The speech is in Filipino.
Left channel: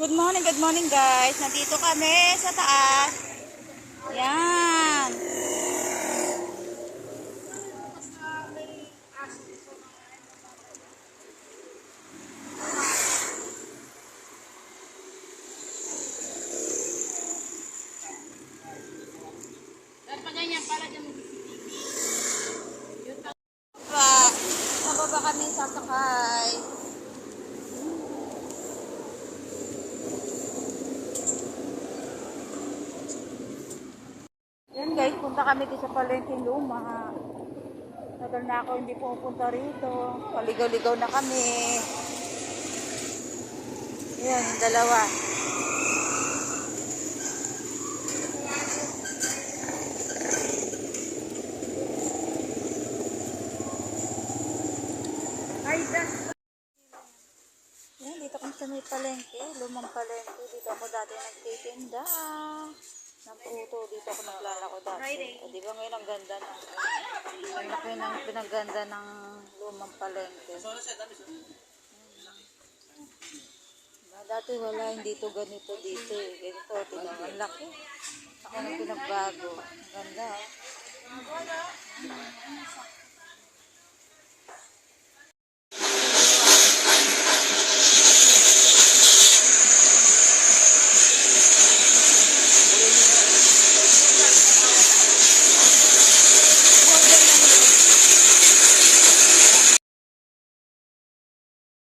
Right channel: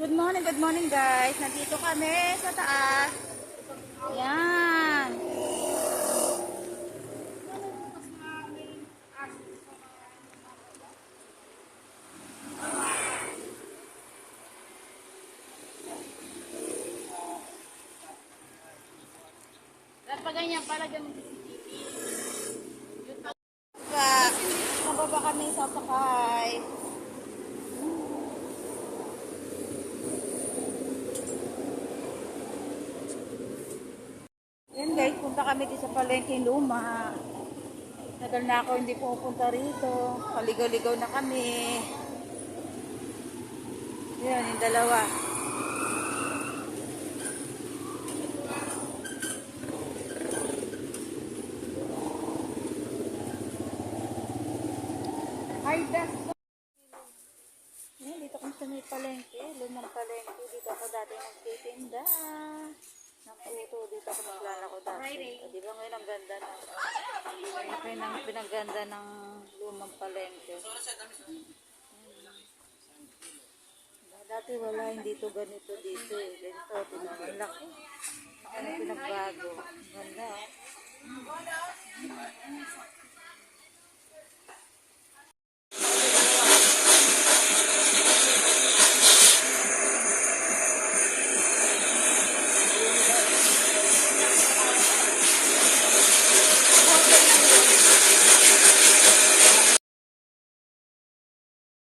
Good morning guys. Nandito kami sa taas. Yan. Pa, nababa kami sasakay. Yan guys, punta kami dito sa Palengke Luma. Tagal na ako hindi pupunta rito. Paligaw-ligaw na kami. Yan, yung dalawa. Yan, dito kami sa may palengke. Lumang palengke. Dito ako dati nagtitinda ng puto. Dito ako naglalako dati. O, di ba ngayon ang ganda na? Ang laki ng pinaganda ng lumang palengke. Dati wala, hindi to ganito dito eh. Ganito, ang laki. Laki ng pinagbago. Ang ganda.